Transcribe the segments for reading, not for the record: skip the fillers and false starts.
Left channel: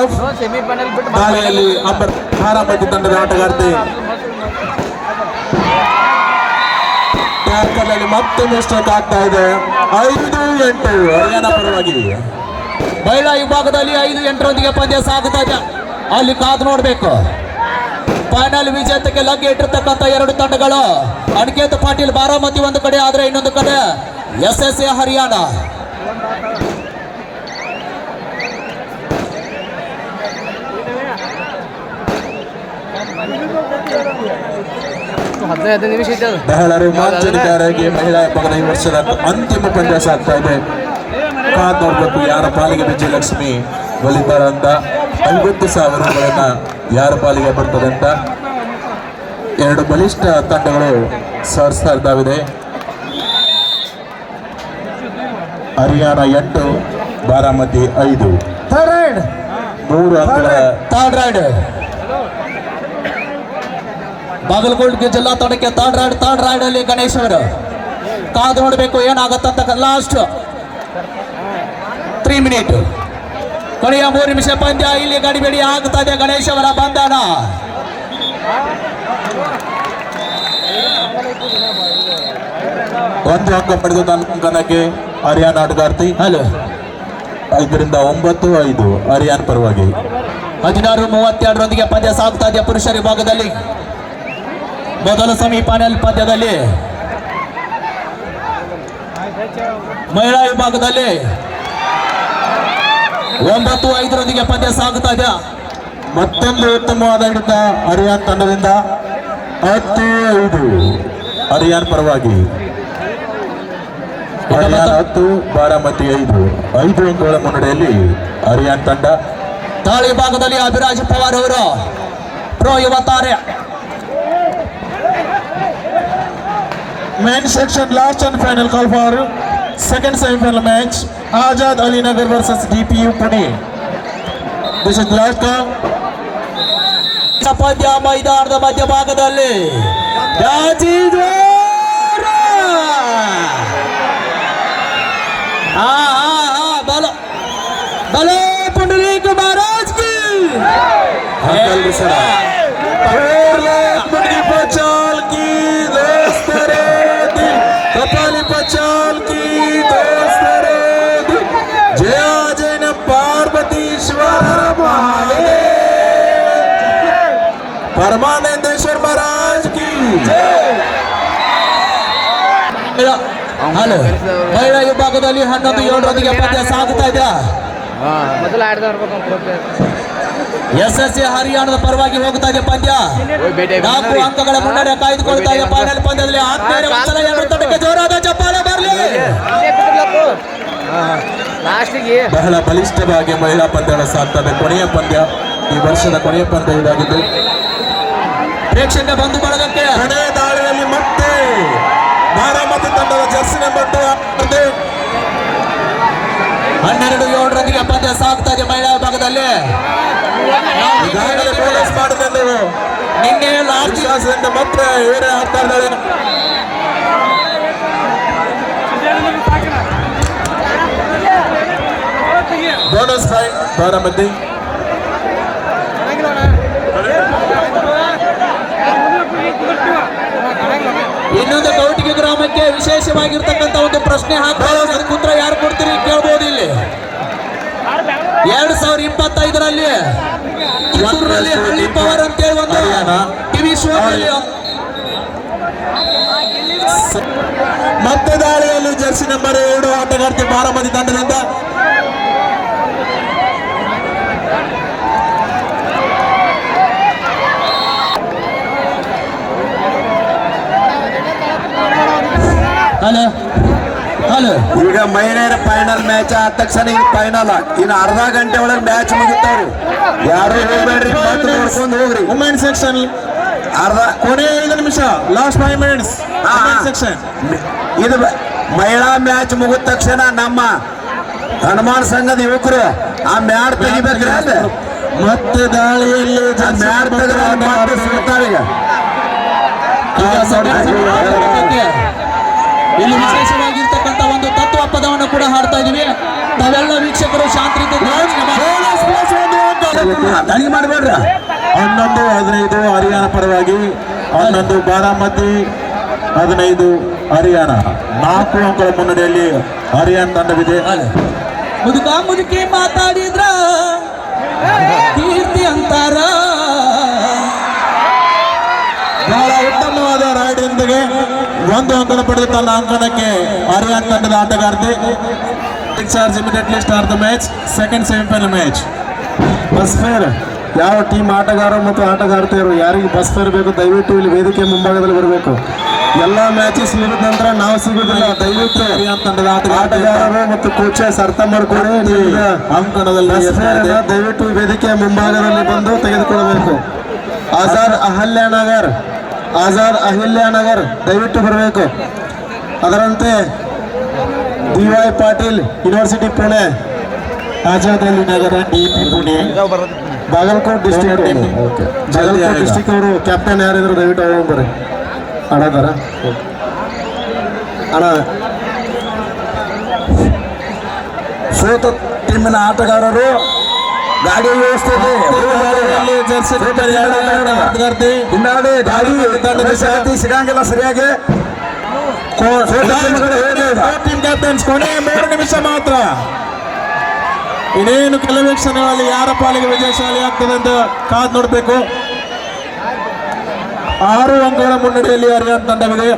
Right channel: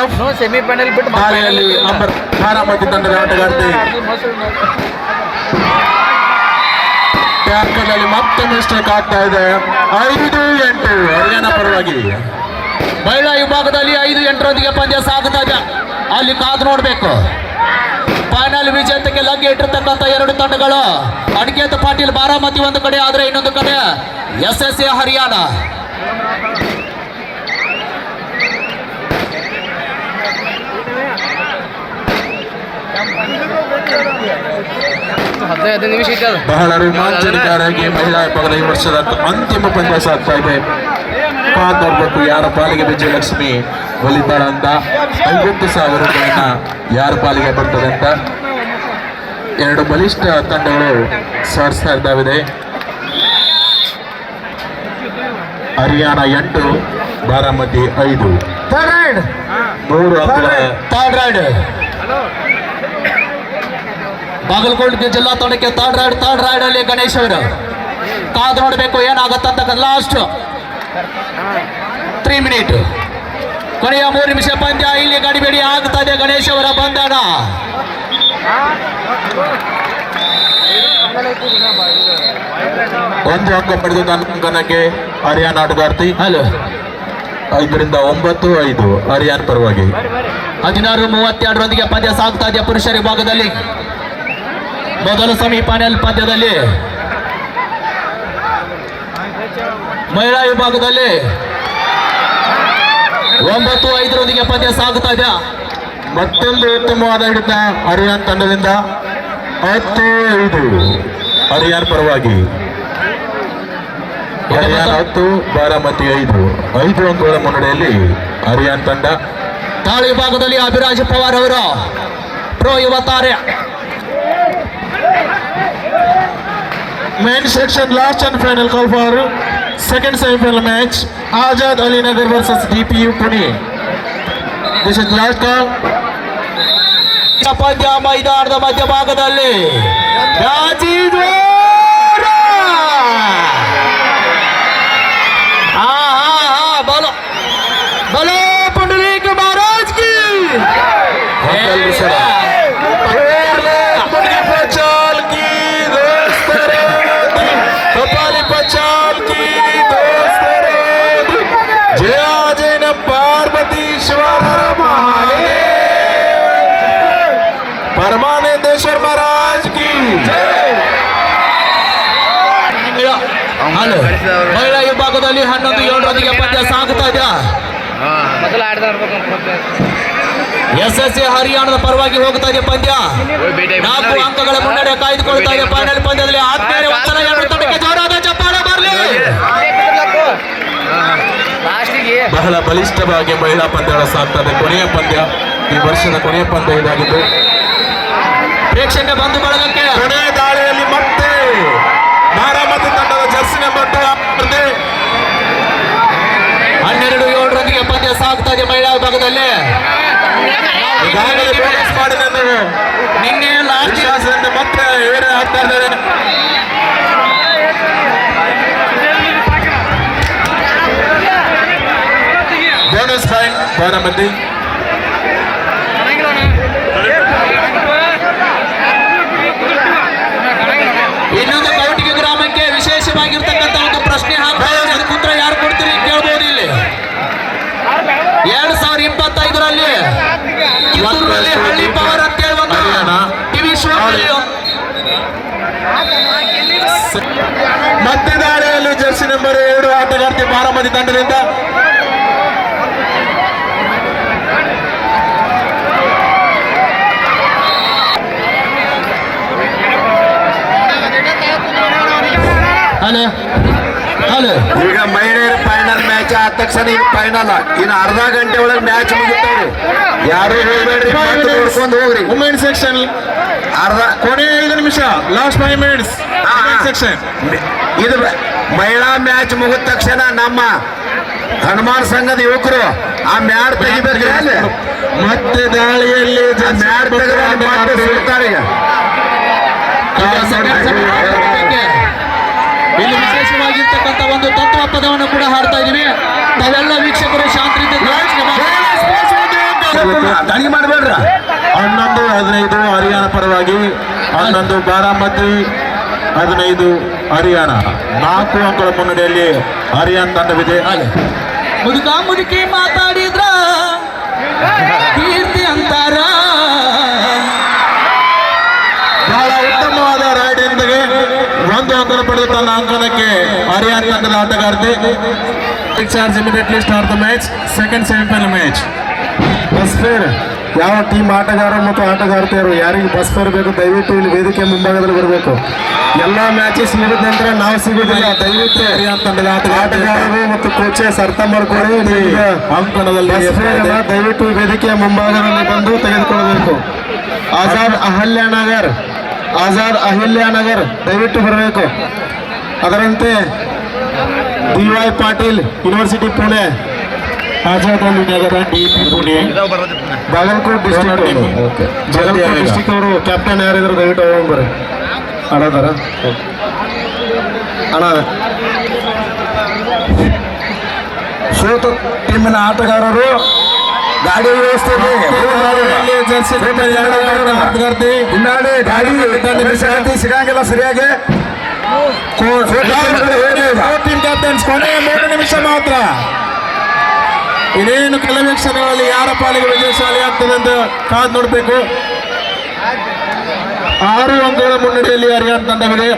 Of semifinal ಬಿಟ್ಟು ದಾಳಿಯಲ್ಲಿ ಬಾರಾಮತಿ ತಂಡದ ಆಟಗಾರ್ತಿ ಟ್ಯಾಂಕರ್ ಅಲ್ಲಿ ಮತ್ತೆ ಮಿಸ್ಟೇಕ್ ಆಗ್ತಾ ಇದೆ. 5-8 ಹರಿಯಾಣ ಪರವಾಗಿ. ಮಹಿಳಾ ವಿಭಾಗದಲ್ಲಿ 5-8ರೊಂದಿಗೆ ಪಂದ್ಯ ಸಾಗುತ್ತಾ ಇದೆ. ಅಲ್ಲಿ ಕಾದು ನೋಡಬೇಕು. ಫೈನಲ್ ವಿಜೇತಕ್ಕೆ ಲಗ್ಗೆ ಇಟ್ಟಿರ್ತಕ್ಕಂಥ ಎರಡು ತಂಡಗಳು ಅನಿಕೇತ್ ಪಾಟೀಲ್ ಬಾರಾಮತಿ ಒಂದು ಕಡೆ ಆದ್ರೆ ಇನ್ನೊಂದು ಕಡೆ SSA ಹರಿಯಾಣ. ಬಹಳ ರೋಮಾಂಚನಕಾರಿಯಾಗಿ ಮಹಿಳಾ ವಿಭಾಗದ ಈ ವರ್ಷದ ಅಂತಿಮ ಪಂದ್ಯ ಸಾಗ್ತಾ ಇದೆ. ನೋಡ್ಬೇಕು ಯಾರ ಪಾಲಿಗೆ ವಿಜಯಲಕ್ಷ್ಮಿ ಒಲಿತಾರ ಅಂತ. 50,000 ರೂಪಾಯಿನ ಯಾರ ಪಾಲಿಗೆ ಬರ್ತದೆ ಅಂತ ಎರಡು ಬಲಿಷ್ಠ ತಂಡಗಳು ಸಾಧಿಸ್ತಾ ಇದ್ದಾವೆ. ಹರಿಯಾಣ 8, ಬಾರಾಮತಿ 5. 3 ಅಂಕಗಳ ಥರ್ಡ್ ರೈಡ್. ಬಾಗಲಕೋಟೆ ಜಿಲ್ಲಾ ತಂಡಕ್ಕೆ ಥರ್ಡ್ ರೈಡ್ ಅಲ್ಲಿ ಗಣೇಶ್ ಅವರು ಕಾದು ನೋಡಬೇಕು ಏನಾಗತ್ತಂತ. ಲಾಸ್ಟ್ 3 ಮಿನಿಟ್, ಕೊನೆಯ 3 ನಿಮಿಷ ಪಂದ್ಯ. ಇಲ್ಲಿ ಗಡಿಬೇಡಿ ಆಗ್ತಾ ಇದೆ. ಗಣೇಶ್ ಅವರ ಬಂಧನ. ಒಂದು ಅಂಕ ಪಡೆದ ಅಂಕನಕ್ಕೆ ಹರಿಯಾಣ ಆಟಗಾರ್ತಿ. 5-9 ಹರಿಯಾಣ ಪರವಾಗಿ. 16-32ರೊಂದಿಗೆ ಪಂದ್ಯ ಸಾಗ್ತಾ ಇದೆ. ಪುರುಷರ ವಿಭಾಗದಲ್ಲಿ ಮೊದಲ ಸೆಮಿಫೈನಲ್ ಪಂದ್ಯದಲ್ಲಿ ಮಹಿಳಾ ವಿಭಾಗದಲ್ಲಿ 9-5ರೊಂದಿಗೆ ಪಂದ್ಯ ಸಾಗುತ್ತಾ ಇದೆ. ಮತ್ತೊಂದು ಉತ್ತಮವಾದ ಹಿಡಿತ ಹರಿಯಾಣ ತಂಡದಿಂದ. 10-5 ಹರಿಯಾಣ ಪರವಾಗಿ. ಹರಿಯಾಣ 10, ಬಾರಾಮತಿ 5 ಅಂಕಗಳ ಮುನ್ನಡೆಯಲ್ಲಿ ಹರಿಯಾಣ ತಂಡ. ತಾಳಿ ವಿಭಾಗದಲ್ಲಿ ಅಭಿರಾಜ್ ಪವಾರ್ ಅವರು ಪ್ರೋ ಯುವ ತಾರೆ. Main section last and final call for second semi-final match. Azad Ali Nagar versus DPU Pune. This is last call. ಪಂದ್ಯ ಮೈದಾನದ ಮಧ್ಯಭಾಗದಲ್ಲಿ ಬಲೋ ಬಲೋ ಪುಂಡರೀಕ ಮಹಾರಾಜ್ ಕಿ. परमानंदेश्वर महाराज की ಮಹಿಳಾ ವಿಭಾಗದಲ್ಲಿ 11-7ರೊಂದಿಗೆ ಪಂದ್ಯ ಸಾಗುತ್ತಾ ಇದೆ. SSA ಹರಿಯಾಣದ ಪರವಾಗಿ ಹೋಗ್ತಾ ಇದೆ ಪಂದ್ಯ. 4 ಅಂಕಗಳ ಮುನ್ನಡೆ ಕಾಯ್ದುಕೊಳ್ತಾ ಇದೆ. ಫೈನಲ್ ಪಂದ್ಯದಲ್ಲಿ ಆತ್ಮೀಯ ವಂದನ. ಎರಡು ತಂಡಕ್ಕೆ ಜೋರಾದ ಚಪ್ಪಾಳೆ ಬರಲಿ. ಬಹಳ ಬಲಿಷ್ಠವಾಗಿ ಮಹಿಳಾ ಪಂದ್ಯಗಳು ಸಾಗ್ತದೆ. ಕೊನೆಯ ಪಂದ್ಯ, ಈ ವರ್ಷದ ಕೊನೆಯ ಪಂದ್ಯ ಇದಾಗಿದ್ದು. ಪ್ರೇಕ್ಷಕ ಬಂಧು ಬಳಗಕ್ಕೆ ಕೊನೆಯ ದಾಳಿಯಲ್ಲಿ ಮತ್ತೆ ಬಾರಾಮತಿ ತಂಡದ ಜರ್ಸಿ ನಂಬರ್ 12-7ರೊಂದಿಗೆ ಪಂದ್ಯ ಸಾಗ್ತಾ ಇದೆ ಮಹಿಳಾ ವಿಭಾಗದಲ್ಲಿ. ನಿನ್ನೆ ಲಾಸ್ಟ್ ಮತ್ತೆ ಆಗ್ತಾ ಇದ್ದಾರೆ. Bonus point Baramati. ಇನ್ನೊಂದು ಕೌಟಿಗೆ ಗ್ರಾಮಕ್ಕೆ ವಿಶೇಷವಾಗಿರ್ತಕ್ಕಂಥ ಒಂದು ಪ್ರಶ್ನೆ ಹಾಕ್ತಾರೆ. ಅದಕ್ಕೆ ಉತ್ತರ ಯಾರು ಕೊಡ್ತೀರಿ ಕೇಳ್ಬೋದು. ಇಲ್ಲಿ 2025ರಲ್ಲಿ ಕಿತ್ತೂರಲ್ಲಿ ಹಳ್ಳಿ ಪವರ್ ಅಂತೇಳಿ ಒಂದು ಟಿವಿ ಶೋ ಮತ್ತೆ ದಾಳಿಯಲ್ಲಿ ಜರ್ಸಿ ನಂಬರ್ 2 ಆಟಗಾರ್ತಿ ಬಾರಾಮತಿ ತಂಡದಿಂದ. ಈಗ ಮಹಿಳೆಯರ ಫೈನಲ್ ಮ್ಯಾಚ್ ಆದ ತಕ್ಷಣ ಈಗ ಫೈನಲ್. ಇನ್ನು ಅರ್ಧ ಗಂಟೆ ಒಳಗೆ ಮ್ಯಾಚ್ ಮುಗಿತಾವ್ರಿ. ಯಾರು ಹೋಗ್ಬೇಡ್ರಿ, ನೋಡ್ಕೊಂಡು ಹೋಗ್ರಿ. ವುಮೆನ್ ಸೆಕ್ಷನ್ ಕೊನೆಯ 5 ನಿಮಿಷ, ಲಾಸ್ಟ್ 5 ಮಿನಿಟ್ಸ್ ಸೆಕ್ಷನ್. ಇದು ಮಹಿಳಾ ಮ್ಯಾಚ್ ಮುಗಿದ ತಕ್ಷಣ ನಮ್ಮ ಹನುಮಾನ್ ಸಂಘದ ಯುವಕರು ಆ ಮ್ಯಾಟ್ ತೆಗಿಬೇಕು. ಮತ್ತೆ ದಾಳಿಯಲ್ಲಿ ಮ್ಯಾಟ್ ತೆಗೆದುಕೊಂಡು ಇಲ್ಲಿ ವಿಶೇಷವಾಗಿರ್ತಕ್ಕಂಥ ಒಂದು ತತ್ವ ಪದವನ್ನು ಕೂಡ ಹಾಡ್ತಾ ಇದೀವಿ. ತಾವೆಲ್ಲ ವೀಕ್ಷಕರು ಶಾಂತಿ ಮಾಡಬೇಕು. ದನಿ ಮಾಡಬೇಡ್ರ. 11-15 ಹರಿಯಾಣ ಪರವಾಗಿ, 11 ಬಾರಾಮತಿ, 15 ಹರಿಯಾಣ. 4 ಅಂಕಗಳ ಮುನ್ನಡೆಯಲ್ಲಿ ಹರಿಯಾಣ ತಂಡವಿದೆ. ಮುದುಕ ಮುದುಕಿ ಮಾತಾಡಿದ್ರ ಕೀರ್ತಿ ಅಂತಾರ. ಬಹಳ ಉತ್ತಮವಾದ ರಾಡಿಯೊಂದಿಗೆ 1 ಅಂಕನ ಪಡೆದು ತನ್ನ ಅಂಕಣಕ್ಕೆ ಹರಿಯಾಣ ತಂಡದ ಆಟಗಾರ್ತಿ. Charge immediately start the match. Second semifinal match. Bus fare ಯಾವ ಟೀಮ್ ಆಟಗಾರರು ಮತ್ತು ಆಟಗಾರ್ತಿಯರು ಯಾರಿಗೆ ಬಸ್ ಫೇರ್ ಬೇಕು ದಯವಿಟ್ಟು ಇಲ್ಲಿ ವೇದಿಕೆ ಮುಂಭಾಗದಲ್ಲಿ ಬರಬೇಕು. ಎಲ್ಲ ಮ್ಯಾಚಸ್ ಮುಗಿದ ನಂತರ ನಾವು ಸಿಗುವುದಿಲ್ಲ. ದಯವಿಟ್ಟು ಹರಿಯಾಣ ತಂಡದ ಆಟಗಾರರು ಮತ್ತು ಕೋಚಸ್ ಅರ್ಥ ಮಾಡಿಕೊಂಡು ಅಂಕಣದಲ್ಲಿ ಬಸ್ ಫೇರ್ ದಯವಿಟ್ಟು ವೇದಿಕೆಯ ಮುಂಭಾಗದಲ್ಲಿ ಬಂದು ತೆಗೆದುಕೊಳ್ಳಬೇಕು. ಆಜಾದ್ ಅಹಿಲ್ಯಾನಗರ್ ದಯವಿಟ್ಟು ಬರಬೇಕು. ಅದರಂತೆ DY ಪಾಟೀಲ್ ಯೂನಿವರ್ಸಿಟಿ ಪುಣೆ, ಆಜಾದ್ ಅಲಿ ನಗರ DP ಪುಣೆ, ಬಾಗಲಕೋಟ್ ಡಿಸ್ಟಿಕ್ ಅವರು ಕ್ಯಾಪ್ಟನ್ ಯಾರಿದ್ರು ದಯವಿಟ್ಟು ಬರ್ರಿ. ಅಣ್ಣದಾರ ಅಣ್ಣ ಸೋತ ಟೀಮಿನ ಆಟಗಾರರು ಗಾಡಿ ವ್ಯವಸ್ಥೆ ಸಿಗಂಗಿಲ್ಲ ಸರಿಯಾಗಿ. ಟೀಮ್ ಕ್ಯಾಪ್ಟನ್ಸ್ ಕೊನೆಯ 3 ನಿಮಿಷ ಮಾತ್ರ. ಇನ್ನೇನು ಕೆಲವೇ ಕ್ಷಣಗಳಲ್ಲಿ ಯಾರ ಪಾಲಿಗೆ ವಿಜಯಶಾಲಿ ಆಗ್ತದೆ ಅಂತ ಕಾದು ನೋಡಬೇಕು. 6 ಅಂಕಗಳ ಮುನ್ನಡೆಯಲ್ಲಿ ಹರಿಯಾಣ ತಂಡವಿದೆ.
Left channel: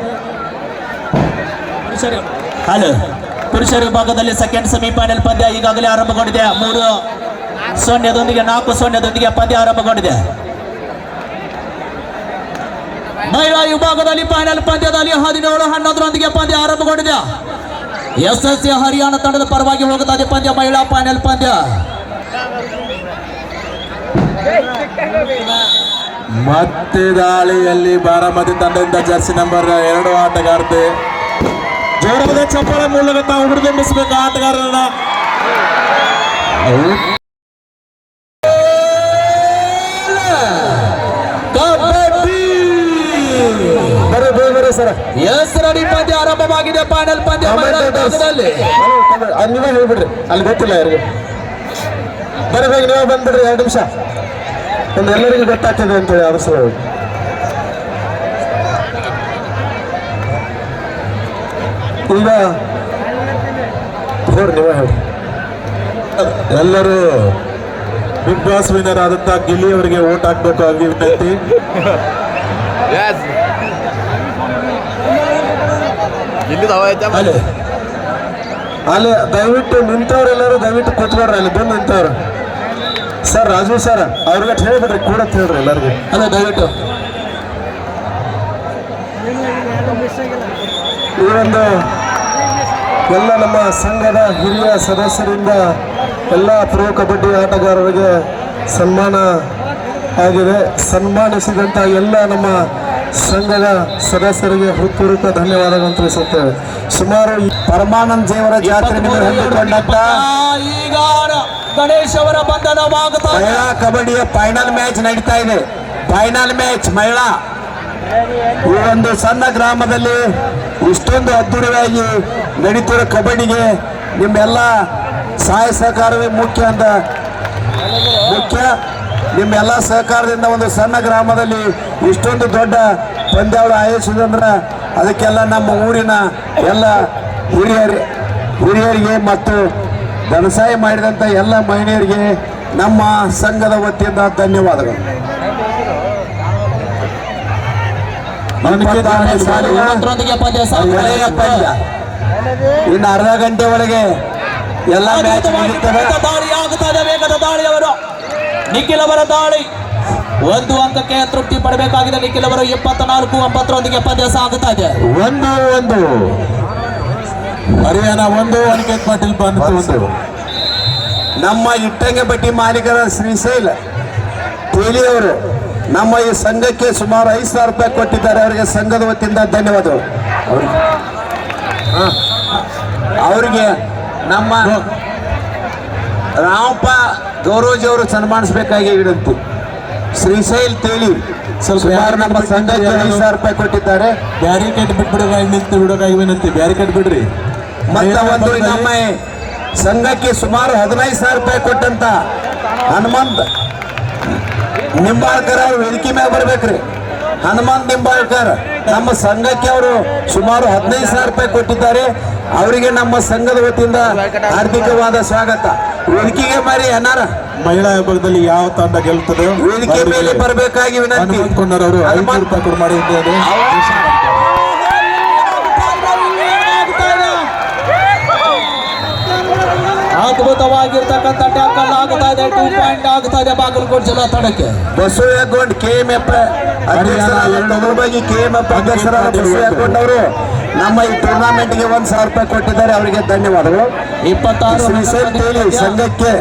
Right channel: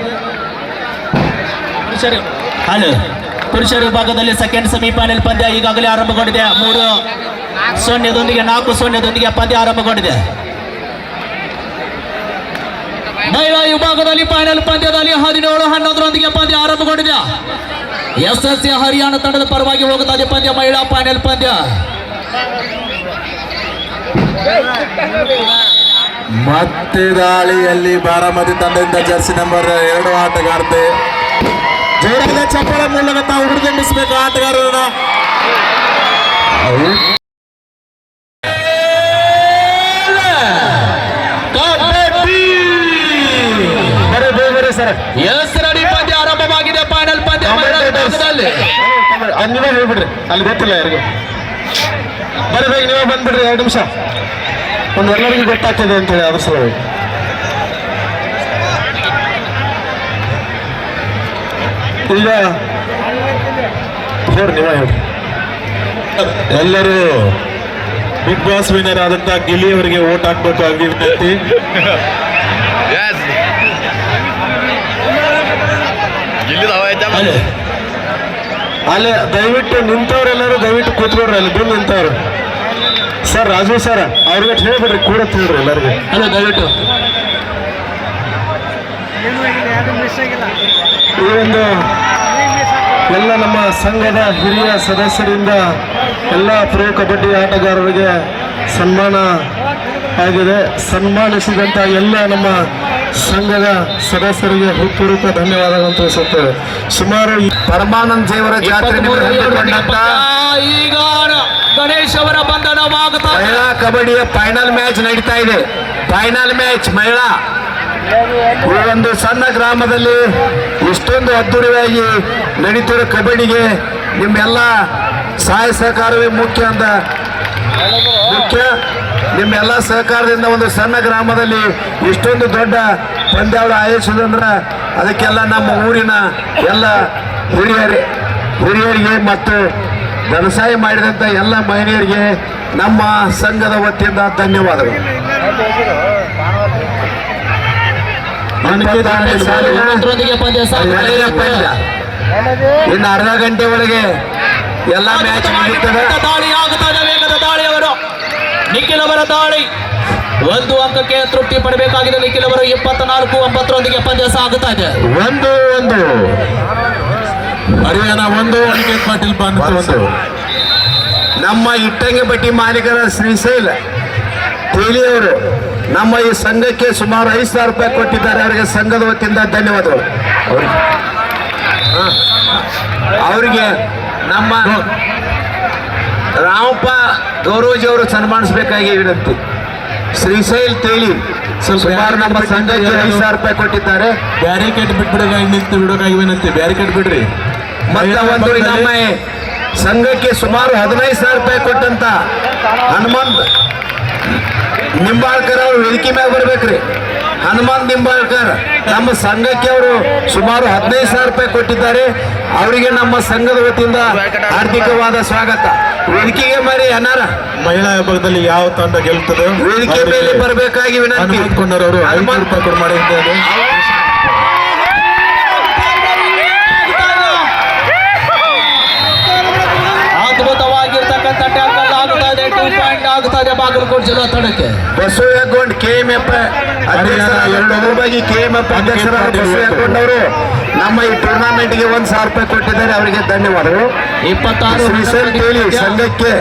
ಪುರುಷರ ವಿಭಾಗದಲ್ಲಿ ಸೆಕೆಂಡ್ ಸೆಮಿಫೈನಲ್ ಪಂದ್ಯ ಈಗಾಗಲೇ ಆರಂಭಗೊಂಡಿದೆ. 3-0 4-0 ಪಂದ್ಯ ಆರಂಭಗೊಂಡಿದೆ. ಮಹಿಳಾ ವಿಭಾಗದಲ್ಲಿ ಫೈನಲ್ ಪಂದ್ಯದಲ್ಲಿ 17-11 ಪಂದ್ಯ ಆರಂಭಗೊಂಡಿದೆ. SSC ಹರಿಯಾಣ ತಂಡದ ಪರವಾಗಿ ಹೋಗುತ್ತಾ ಇದೆ ಪಂದ್ಯ. ಮಹಿಳಾ ಫೈನಲ್ ಪಂದ್ಯ. ಮತ್ತೆ ದಾಳಿಯಲ್ಲಿ ಬಾರಾಮತಿ ತಂಡದಿಂದ ಜರ್ಸಿ ನಂಬರ್ 2 ಆಟಗಾರ್ತಿ. ಜೋರಾದ ಚಪ್ಪಳ ಮೂಲಕ ತಾವು ಹುರಿದುಂಬಿಸಬೇಕು ಆಟಗಾರರನ್ನ. ಎಸ್ರಡಿ ಪಂದ್ಯ ಆರಂಭವಾಗಿದೆ. ಫೈನಲ್ ಪಂದ್ಯ ನೀವೇ ಹೇಳ್ಬಿಡ್ರಿ, ಅಲ್ಲಿ ಗೊತ್ತಿಲ್ಲ ಯಾರಿಗೆ. ಬರಬೇಕು, ನೀವೇ ಬಂದ್ಬಿಡ್ರಿ. 2 ನಿಮಿಷ ಒಂದು ಎಲ್ಲರಿಗೂ ಗೊತ್ತಾಗ್ತದೆ ಅಂತೇಳಿ ಅದ್ರ ಸಲುವಾಗಿ. ಈಗ ನೀವೇ ಹೇಳ್ರಿ. ಎಲ್ಲರೂ ಬಿಗ್ ಬಾಸ್ ವಿನ್ನರ್ ಆದಂತ ಗಿಲ್ಲಿ ಅವರಿಗೆ ಓಟ್ ಹಾಕ್ಬೇಕಾಗಿ ವಿನಂತಿ. ಅಲ್ಲಿ ದಯವಿಟ್ಟು ನಿಂತವ್ರೆಲ್ಲರೂ ದಯವಿಟ್ಟು ಕೂತ್ಕೊಡ್ರಿ. ಅಲ್ಲಿ ಬಂದು ನಿಂತವ್ರು ಸರ್, ರಾಜು ಸರ್ ಅವ್ರಿಗೆ ಹೇಳ್ಬಿಡ್ರಿ ಕೂಡ ಹೇಳ್ರಿ ಎಲ್ಲರಿಗೂ. ಹಲೋ, ದಯವಿಟ್ಟು ಈ ಒಂದು ಎಲ್ಲ ನಮ್ಮ ಸಂಘದ ಹಿರಿಯ ಸದಸ್ಯರಿಂದ ಎಲ್ಲ ಪ್ರೊ ಕಬಡ್ಡಿ ಆಟಗಾರರಿಗೆ ಸನ್ಮಾನ ಆಗಿದೆ. ಸನ್ಮಾನಿಸಿದಂಥ ಎಲ್ಲ ನಮ್ಮ ಸಂಘದ ಸದಸ್ಯರಿಗೆ ಹೃತ್ಪೂರ್ವಕ ಧನ್ಯವಾದಗಳನ್ನು ತಿಳಿಸುತ್ತೇವೆ. ಸುಮಾರು ಪರಮಾನಂದ ದೇವರ ಜಾತ್ರೆ ಹೊಂದಿಕೊಂಡಂತ ಈಗ ಗಣೇಶ್ ಅವರ ಬಂಧನವಾಗುತ್ತಾ ಮಹಿಳಾ ಕಬಡ್ಡಿಯ ಫೈನಲ್ ಮ್ಯಾಚ್ ನಡೀತಾ ಇದೆ. ಫೈನಲ್ ಮ್ಯಾಚ್ ಮಹಿಳಾ. ಈ ಒಂದು ಸಣ್ಣ ಗ್ರಾಮದಲ್ಲಿ ಇಷ್ಟೊಂದು ಅದ್ದೂರಿಯಾಗಿ ನಡೀತಿರೋ ಕಬಡ್ಡಿಗೆ ನಿಮ್ಮೆಲ್ಲ ಸಹಾಯ ಸಹಕಾರವೇ ಮುಖ್ಯ. ನಿಮ್ಮೆಲ್ಲ ಸಹಕಾರದಿಂದ ಒಂದು ಸಣ್ಣ ಗ್ರಾಮದಲ್ಲಿ ಇಷ್ಟೊಂದು ದೊಡ್ಡ ಪಂದ್ಯಾವಳಿ ಆಯೋಜಿಸೋದಂದ್ರೆ ಅದಕ್ಕೆಲ್ಲ ನಮ್ಮ ಊರಿನ ಎಲ್ಲ ಹಿರಿಯರಿಗೆ ಮತ್ತು ವ್ಯವಸಾಯ ಮಾಡಿದಂಥ ಎಲ್ಲ ಮಹಿಳೆಯರಿಗೆ ನಮ್ಮ ಸಂಘದ ವತಿಯಿಂದ ಧನ್ಯವಾದಗಳು. ಇನ್ನು ಅರ್ಧ ಗಂಟೆ ಒಳಗೆ ಎಲ್ಲ ಮ್ಯಾಚ್ ಮುಗಿಯುತ್ತವೆ. ದಾಳಿ ಆಗುತ್ತದೆ. ವೇಗದ ದಾಳಿಯವರು ನಿಖಿಲ್ ಅವರ ದಾಳಿ 1 ಅಂಕಕ್ಕೆ ತೃಪ್ತಿ ಪಡಬೇಕಾಗಿದೆ. ನಿಖಿಲ್ ಅವರು 24-9 ಪಂದ್ಯ ಸಾಗುತ್ತಾ ಇದೆ. 1-1 ಹರಿಯಾಣ 1, ಅನಿಕೇತ್ ಪಾಟೀಲ್ ಬಂತು 1. ನಮ್ಮ ಇಟ್ಟಂಗಿ ಬಟ್ಟಿ ಮಾಲೀಕರ ಶ್ರೀಶೈಲ್ ತೇಲಿಯವರು ನಮ್ಮ ಈ ಸಂಘಕ್ಕೆ ಸುಮಾರು 5,000 ರೂಪಾಯಿ ಕೊಟ್ಟಿದ್ದಾರೆ. ಅವರಿಗೆ ಸಂಘದ ವತಿಯಿಂದ ಧನ್ಯವಾದಗಳು. ಅವರಿಗೆ ನಮ್ಮ ರಾಮಪ್ಪ ಗೌರವಜಿ ಅವರು ಸನ್ಮಾನಿಸಬೇಕಾಗಿ ವಿನಂತಿ. ಶ್ರೀಶೈಲ್ ತೇಲಿ ಸುಮಾರು ನಮ್ಮ ಸಂಘಕ್ಕೆ 5,000 ರೂಪಾಯಿ ಕೊಟ್ಟಿದ್ದಾರೆ. ಬ್ಯಾರಿಕೇಡ್ ಬಿಟ್ಬಿಡೋಕಾಗಿ ನಿಂತು ಬಿಡೋಕಾಗಿ ವಿನಂತಿ. ಬ್ಯಾರಿಕೇಡ್ ಬಿಡ್ರಿ. ಮತ್ತೆ ಒಂದು ನಮ್ಮ ಸಂಘಕ್ಕೆ ಸುಮಾರು 15,000 ರೂಪಾಯಿ ಕೊಟ್ಟಂತ ಹನುಮಂತ್ ನಿಂಬಾಳ್ಕರ್ ಅವ್ರು ವೇದಿಕೆ ಮ್ಯಾಗ ಬರ್ಬೇಕ್ರಿ. ಹನುಮಂತ್ ನಿಂಬಾಳ್ಕರ್ ನಮ್ಮ ಸಂಘಕ್ಕೆ ಅವರು ಸುಮಾರು 15,000 ರೂಪಾಯಿ ಕೊಟ್ಟಿದ್ದಾರೆ. ಅವರಿಗೆ ನಮ್ಮ ಸಂಘದ ವತಿಯಿಂದ ಹಾರ್ದಿಕವಾದ ಸ್ವಾಗತ. ವೇದಿಕೆಗೆ ಮಾರಿ ಅನಾರ ಮಹಿಳಾ ವಿಭಾಗದಲ್ಲಿ ಯಾವ ತಂಡ ಗೆಲ್ತದೆ ವೇದಿಕೆ ಮೇಲೆ ಬರಬೇಕಾಗಿ ವಿನಂತಿ. ಅವರು 500 ರೂಪಾಯಿ ಕೊಟ್ಟು ಮಾಡಿದ್ದಾರೆ. ಅದ್ಭುತವಾಗಿರ್ತಕ್ಕಂಥ ಟ್ಯಾಕಲ್ ಆಗ್ತಾ ಇದೆ. 2 ಪಾಯಿಂಟ್ ಆಗ್ತಾ ಇದೆ ಬಾಗಲಕೋಟೆ ಜಿಲ್ಲಾ ತಂಡಕ್ಕೆ. ಬಸವಗೊಂಡ್ KMF ಅಧ್ಯಕ್ಷರಾಗಿ KMF ಅಧ್ಯಕ್ಷರಾದ ಬಸವಗೊಂಡ್ ಅವರು ನಮ್ಮ ಈ ಟೂರ್ನಾಮೆಂಟ್ಗೆ 1,000 ರೂಪಾಯಿ ಕೊಟ್ಟಿದ್ದಾರೆ. ಅವರಿಗೆ ಧನ್ಯವಾದಗಳು. 26 ಶ್ರೀಸಲ್ ತೇಲಿ ಸಂಘಕ್ಕೆ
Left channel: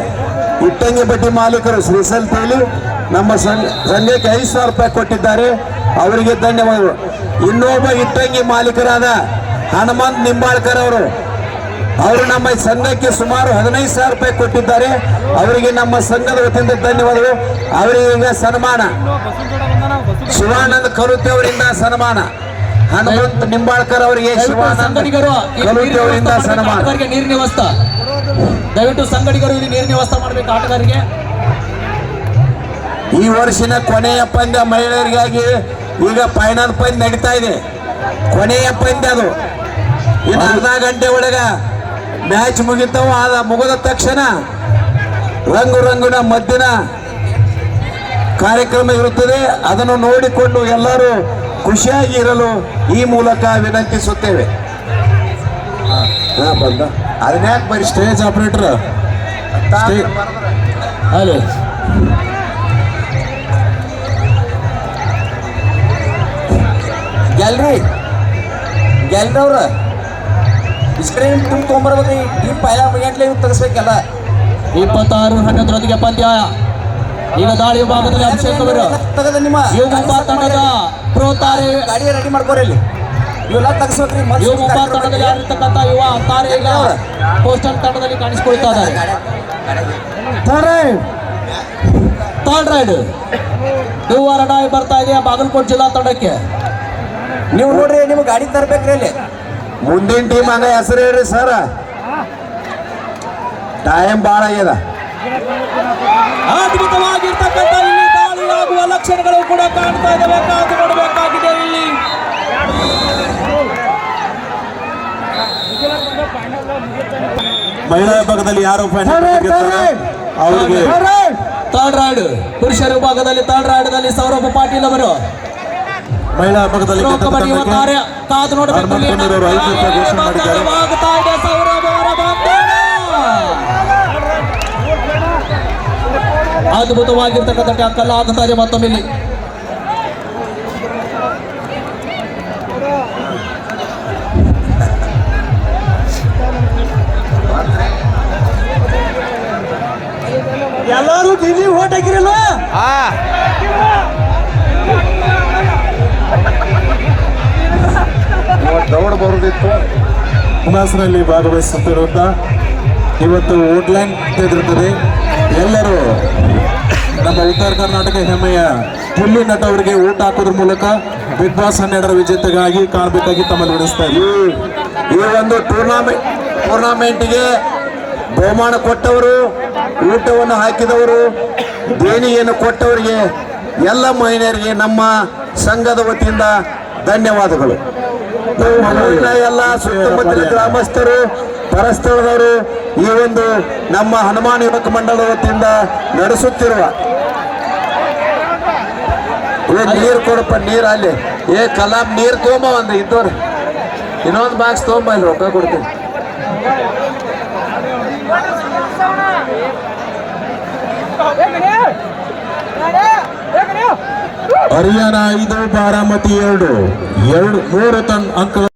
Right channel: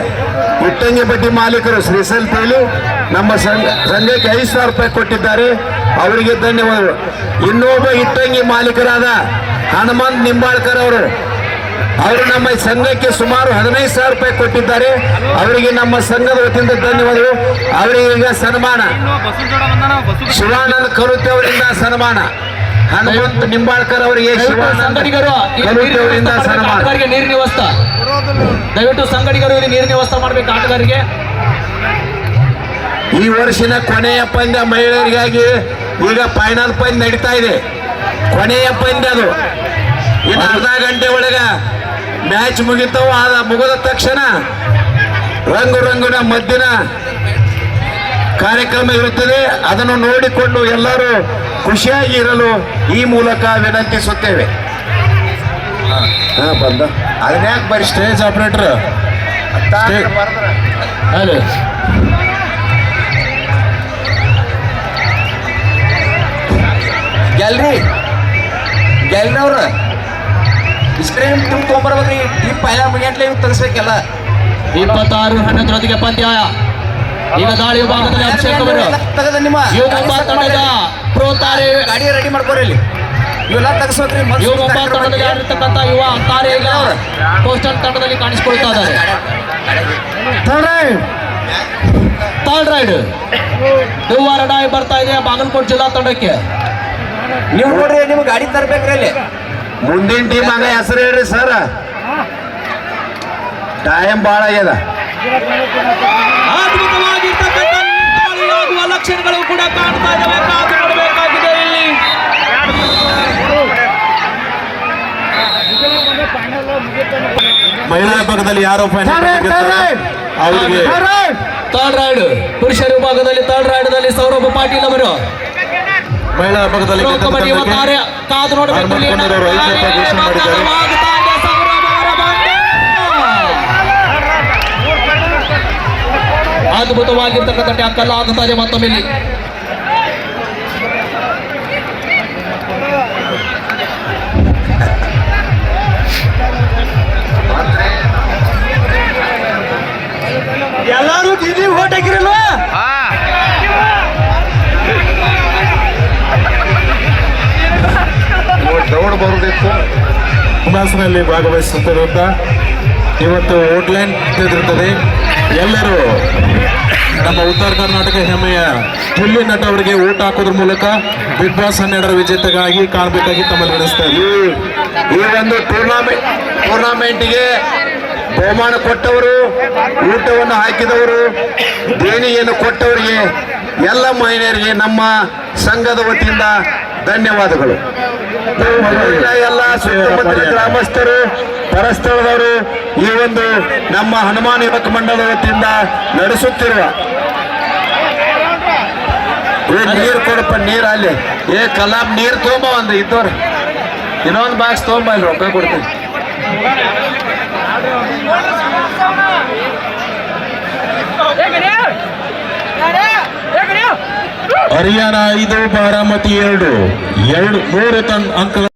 ಇಟ್ಟಂಗಿ ಬಡ್ಡಿ ಮಾಲೀಕರು ಶ್ರೀಸಲ್ ತೇಲು ನಮ್ಮ ಸಂಘಕ್ಕೆ 5,000 ರೂಪಾಯಿ ಕೊಟ್ಟಿದ್ದಾರೆ. ಅವರಿಗೆ ಧನ್ಯವಾದಗಳು. ಇನ್ನೊಬ್ಬ ಇಟ್ಟಂಗಿ ಮಾಲೀಕರಾದ ಹನುಮಂತ್ ನಿಂಬಾಳ್ಕರ್ ಅವರು ನಮ್ಮ ಸಂಘಕ್ಕೆ ಸುಮಾರು 15,000 ರೂಪಾಯಿ ಕೊಟ್ಟಿದ್ದಾರೆ. ಅವರಿಗೆ ನಮ್ಮ ಸಂಘದ ವತಿಯಿಂದ ಧನ್ಯವಾದಗಳು. ಅವರಿಗೆ ಈಗ ಸನ್ಮಾನ ಶಿವಾನಂದ ಕರುತೆ ಅವರಿಂದ ಸನ್ಮಾನ. ಹನುಮಂತ್ ನಿಂಬಾಳ್ಕರ್ ಅವರಿಗೆ ಶಿವಾನಂದ ಕರುತೆ ಅವರಿಂದ ಸನ್ಮಾನ. ನೀರಿನ ವ್ಯವಸ್ಥೆ ದಯವಿಟ್ಟು ಸಂಘಟಿಗರು ನೀರಿನ ವ್ಯವಸ್ಥೆ ಮಾಡಬೇಕು ಆಟಗಾರರಿಗೆ. ಈ ವರ್ಷದ ಕೊನೆಯ ಪಂದ್ಯ ಮಹಿಳೆಯರಿಗಾಗಿ ಈಗ ಫೈನಲ್ ಪಂದ್ಯ ನಡೀತಾ ಇದೆ. ಕೊನೆಯ ಪಂದ್ಯ ಅದು. ಇನ್ನು ಅರ್ಧ ಗಂಟೆ ಒಳಗ ಮ್ಯಾಚ್ ಮುಗಿತಾವ. ಮುಗಿದ ತಕ್ಷಣ ರಂಗುರಂಗಿನ ಮದ್ದಿನ ಕಾರ್ಯಕ್ರಮ ಇರುತ್ತದೆ. ಅದನ್ನು ನೋಡಿಕೊಂಡು ಎಲ್ಲರೂ ಖುಷಿಯಾಗಿ ಇರಲು ಈ ಮೂಲಕ ವಿನಂತಿಸುತ್ತೇವೆ. ಬಂದ ಅದನ್ನ ಯಾಕೆ ಬರೀ ಸ್ಟೇಜ್ ಆಪರೇಟರ್ ಹಲೋ ಗ್ಯಾಲ್ರಿ ಅವ್ರ ಸ್ಕ್ರೀನ್ ತುಂಬ ತೊಗೊಂಬರ್ಬೇಕ್ರಿ. ಈ ಪೈಲ ಮುಗಿಯಂಟ್ಲೆ ತರಿಸ್ಬೇಕೆಲ್ಲ. 26-11 ಪಂದ್ಯ. ಈಗ ದಾಳಿ ವಿಭಾಗದಲ್ಲಿ ಅಭಿಷೇಕ್ ಅವರು ತೆಗೆದ ನಿಮ್ಮ ಯುವಮುಂಬಾ ತಂಡದ ಪ್ರೋ ತಾರೆ ಗಾಡಿ ರೆಡಿ ಮಾಡ್ಕೋರಿ. ಇಲ್ಲಿ ಇವೆಲ್ಲ ತೆಗಿಸ್ಬೇಕ್ರಿ. ಯುವಮುಂಬಾ ತಂಡದಲ್ಲಿ ಆಡಿರ್ತಕ್ಕಂಥ ಯುವ ತಾರೆ ಈಗ ಪೋಸ್ಟಲ್ ತಂಡದಲ್ಲಿ ಕಾಣಿಸಿಕೊಳ್ತಾ ಇದ್ದಾರೆ. ಥರ್ಡ್ ರೈಡ್ ಯುವ ರಡಾಯಿ ಬರ್ತಾ ಇದೆ ಬಾಗಲಕೋಟೆ ಜಿಲ್ಲಾ ತಂಡಕ್ಕೆ. ನೀವು ನೋಡ್ರಿ, ನಿಮ್ಗೆ ಗಾಡಿ ತರ್ಬೇಕ್ರಿ. ಅಲ್ಲಿ ಮುಂದಿನ ಟೀಮ್ ಹಂಗ ಹೆಸರು ಹೇಳ್ರಿ ಸರ್. ಟೈಮ್ ಭಾಳ ಆಗ್ಯದ. ಅದ್ಭುತವಾಗಿರ್ತಕ್ಕಂಥ ಇಲ್ಲಿ ದಾಳಿ ಆಗುವ ಲಕ್ಷಣಗಳು ಕೂಡ ಕಾಣ್ತಾ ಇದ್ದಾವೆ. ಕಾದು ನೋಡಬೇಕಾಗಿದೆ ಇಲ್ಲಿ. ಮಹಿಳಾ ವಿಭಾಗದಲ್ಲಿ ಯಾರು ಅವರಿಗೆ ಥರ್ಡ್ ರೈಡ್ ಪುರುಷರ ವಿಭಾಗದಲ್ಲಿ ಥರ್ಡ್ ರೈಡ್ದಲ್ಲಿ ಸೌರಭ ಪಾಟೀಲ್ ಅವರು ಮಹಿಳಾ ವಿಭಾಗದಲ್ಲಿ ಕಬಡ್ಡಿ ಒಟ್ಟಾರೆ ಕಾದು ನೋಡಬೇಕು. ಅದ್ಭುತವಾಗಿರ್ತಕ್ಕಂಥ ಟ್ಯಾಕಲ್ ಆಗ್ತಾ ಇದೆ ಮತ್ತೊಮ್ಮೆ ಇಲ್ಲಿ. ಎಲ್ಲರೂ ಟಿವಿ ಓಟ್ ಹಾಕಿರಲ್ವಾ? ದೌಡ್ ಬರೋದಿತ್ತು. ಹುಮಾಸ್ನಲ್ಲಿ ಭಾಗವಹಿಸುತ್ತಿರುವಂತ ಇವತ್ತು ವುಡ್ಲ್ಯಾಂಡ್ ಇರುತ್ತದೆ. ಎಲ್ಲರೂ ನಮ್ಮ ಉತ್ತರ ಕರ್ನಾಟಕ ಹೆಮ್ಮೆಯ ಗಿಲ್ಲಿ ನಟ ಅವರಿಗೆ ಊಟ ಹಾಕೋದ್ರ ಮೂಲಕ ಬಿಗ್ ಬಾಸ್ 12 ವಿಜೇತಗಾಗಿ ಕಾಣಬೇಕಾಗಿ ತಮ್ಮಲ್ಲಿ ನಡೆಸ್ತಾ ಇದ್ದೀವಿ. ಈ ಒಂದು ಟೂರ್ನಾಮೆಂಟ್ಗೆ ಬಹುಮಾನ ಕೊಟ್ಟವರು, ಊಟವನ್ನು ಹಾಕಿದವರು, ದೇಣಿಗೆಯನ್ನು ಕೊಟ್ಟವರಿಗೆ ಎಲ್ಲ ಮಹಿಳೆಯರಿಗೆ ನಮ್ಮ ಸಂಘದ ವತಿಯಿಂದ ಧನ್ಯವಾದಗಳು. ಎಲ್ಲ ಸುತ್ತಮುತ್ತಲ ಗ್ರಾಮಸ್ಥರು, ಪರಸ್ಥಳದವರು ಈ ಒಂದು ನಮ್ಮ ಹನುಮಾನ್ ಯುವಕ ಮಂಡಳದ ವತಿಯಿಂದ ನಡೆಸುತ್ತಿರುವ ನೀರು ಕೊಡಪ್ಪ, ನೀರು ಅಲ್ಲಿ ಕಲಾಂ ನೀರು ತೊಗೊಂಬ. ಒಂದು ಇದ್ದವ್ರು ಇನ್ನೊಂದು ಬಾಕ್ಸ್ ತೊಗೊಂಬ, ಅಲ್ಲಿ ರೊಕ್ಕ ಕೊಡ್ತೀನಿ. ಹರಿಯಾಣ 5, ಬಾರಾಮತಿ 2, 3 ಅಂಕಗಳು.